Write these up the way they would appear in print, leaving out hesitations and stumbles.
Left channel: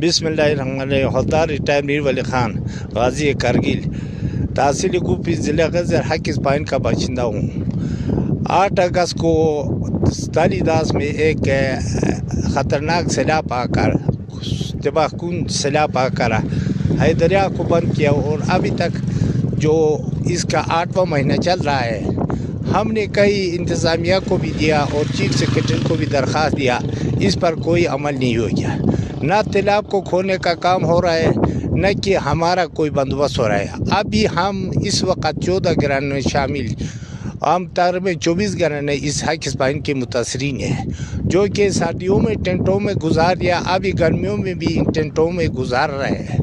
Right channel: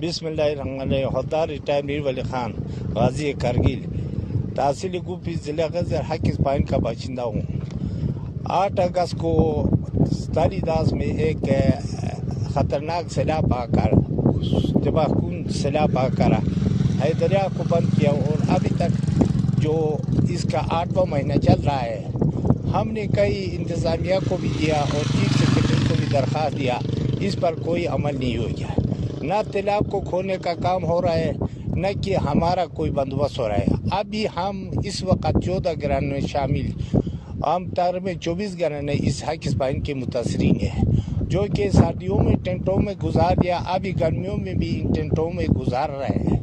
بسم اللہ الرحمن الرحیم. حلدار ریٹائر میر ولی خان, غازی کرگل, تحصیل گوپی, ضلع غزر حکیز پائن کا باشندہ ہوں. 8 اگست کو ستالی داس میں ایک خطرناک سیلاب آ کر, تباہ کن سیلاب آ کر ہے دریا کو بند کیا, اور ابھی تک جو اس کا 8واں مہینہ چل رہا ہے. ہم نے کئی انتظامیہ کو بھی دیا اور چیف سیکرٹری کو بھی درخواست دیا, اس پر کوئی عمل نہیں ہو گیا. نہ تالاب کو کھولنے کا کام ہو رہا ہے, نہ کہ ہمارا کوئی بندوبست ہو رہا ہے. ابھی ہم اس وقت 14 گھرانے میں شامل, عام طور میں 24 گھرانے اس حکیز پائن کے متاثرین ہیں, جو کہ سردیوں میں ٹینٹوں میں گزار دیا, ابھی گرمیوں میں بھی ان ٹینٹوں میں گزار رہے ہیں.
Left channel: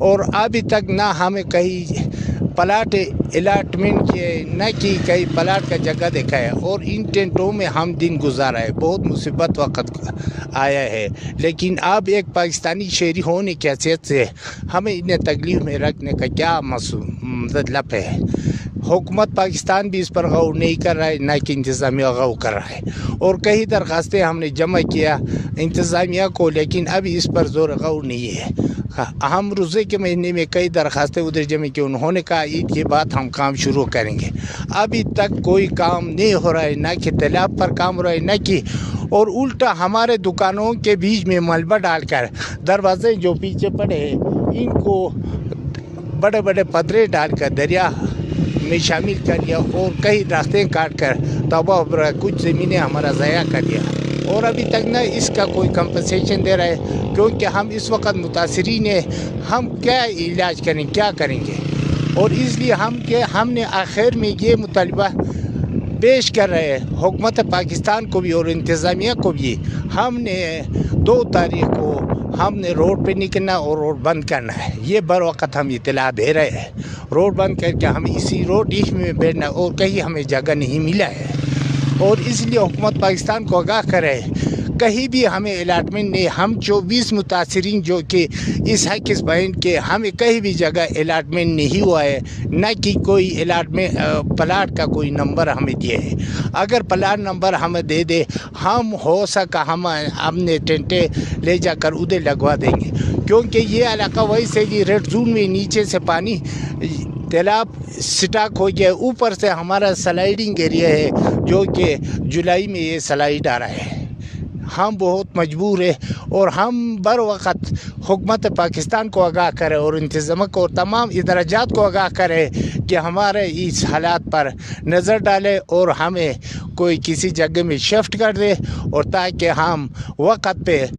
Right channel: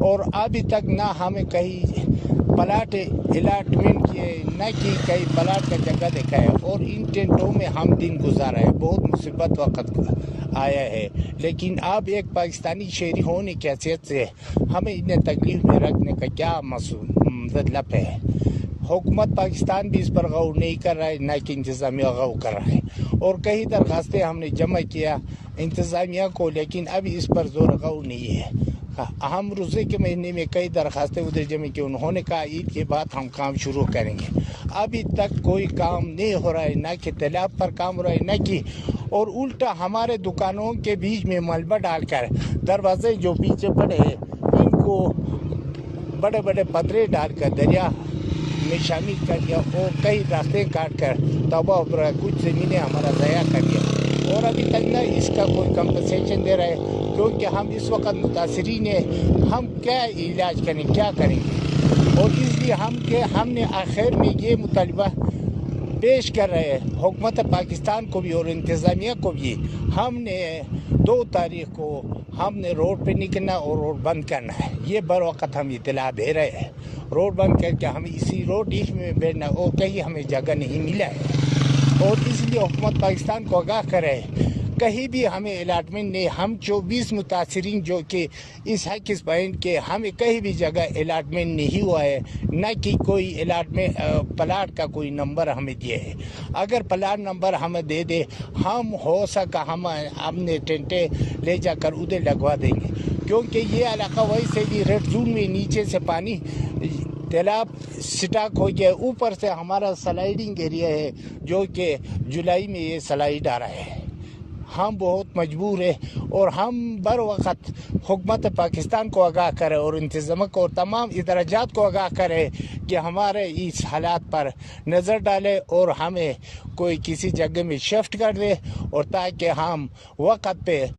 اور ابھی تک نہ ہمیں کہیں پلاٹ الاٹمنٹ کیے, نہ کہ کئی پلاٹ کا جگہ دیکھا ہے, اور ان ٹینٹوں میں ہم دن گزارا ہے. بہت مصیبت وقت آیا ہے, لیکن اب ایک پاکستانی شہری ہونے کی حیثیت سے ہمیں انہیں تکلیف میں رکھنے کا کیا مطلب ہے. حکومت پاکستان بھی اس پر غور نہیں کر رہا ہے, نہ کہ انتظامیہ غور کر رہا ہے. اور کئی درخواستیں ہم نے جمع کیا انتظامیہ کو, لیکن ابھی اس پر زور غور نہیں ہے. ہم روزے کے مہینے میں کئی درخواستیں ادھر جمع کی, انہوں نے کہا عید کے بعد ہم کام شروع کریں گے. ابھی تک کوئی کام نہیں ہو رہا ہے, نہ کہ تالاب پر کام ہو رہا ہے, نہ کہ, اور الٹا ہمارے دکانوں کے بیچ میں ملبہ ڈال کر دروازے جو پیچھے پڑے ہیں ان کو بڑے بڑے پتھرے ڈال کر دریا میں شامل کر لیا, اور کئی راستیں کاٹ کر تباہ کچھ زمینیں ہمارا ضائع کر دیا. اور ابھی تک نہ اس کا کوئی کمپنسیشن دے رہا ہے, کیونکہ ہم اس وقت متاثرین ہیں. ہم کیا علاج کریں, کیا کریں گے؟ اور اس لیے ہم نے آخر میں یہ مطالبہ پیش کر رہے ہیں حکومت پاکستان کو بھی اور انتظامیہ کو بھی. ہم نے 2 تاریخ کو ہم نے روڈ پہ نکلنا اور روڈ بند کرنا ہے. یہ بر وقت ہم اطلاع دے رہے ہیں, روڈ بند کر کے ہم اسی روڈ میں بیٹھنا, اور کہیں ہمیں جگہ نہیں ملا ہے. اور اس لیے حکومت پاکستان کو آگاہ کرے, کہیں بھی ہمیں الاٹمنٹ نہیں. ہم 24 متاثرین جو کہ اس حکیز پائن کے, ہمیں کہیں بھی جگہ الاٹمنٹ نہیں ہوا ہے, نہ کہ کوئی الاٹمنٹ پلاٹ کا کوئی نمبر ہمیں دیا ہے. اگر پلاٹ نمبر ہمیں دے دے, ہم ہو سکا ہم اپنے ٹینٹے لے جا کر ادھر لگوا دیں گے, کیونکہ یہ علاقہ ویسے بھی ریڈ زون میں نیچے سے پانی تالاب سٹاک ہو گیا, اوپر سے ہمارا سلائیڈنگ ایریا ہے, جو کہ جولائی میں یہ سلائیڈ آ رہا ہے. ہم بہت مجبور ہیں, اور ہم بر وقت حکومت پاکستان کو آگاہ کریں اور انتظامیہ کو اور تمام ادارات کو آگاہ کریں کہ ہمارے اس حالات پر نظر ڈالے, اور ہمیں کوئی کسی جگہ میں شفٹ کر دے, اور تاکہ ہم وقت پہ